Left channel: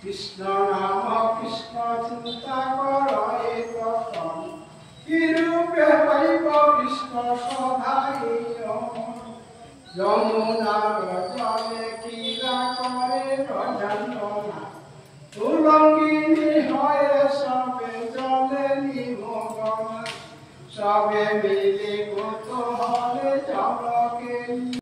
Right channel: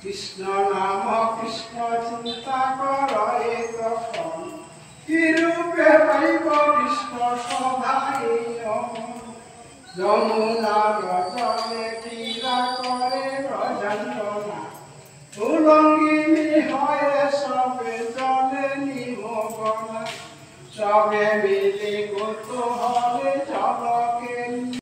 কৃষ্ণ নাম কৃষ্ণ চিন্তা করে তখন কি রূপে পাইব কৃষ্ণ সভায় যমুনার জলে ক্রীড়া করে ব্রজঞ্জনা উলঙ্গিনী হয়ে সবে জলে নিমগ্ন সবে মিলে কত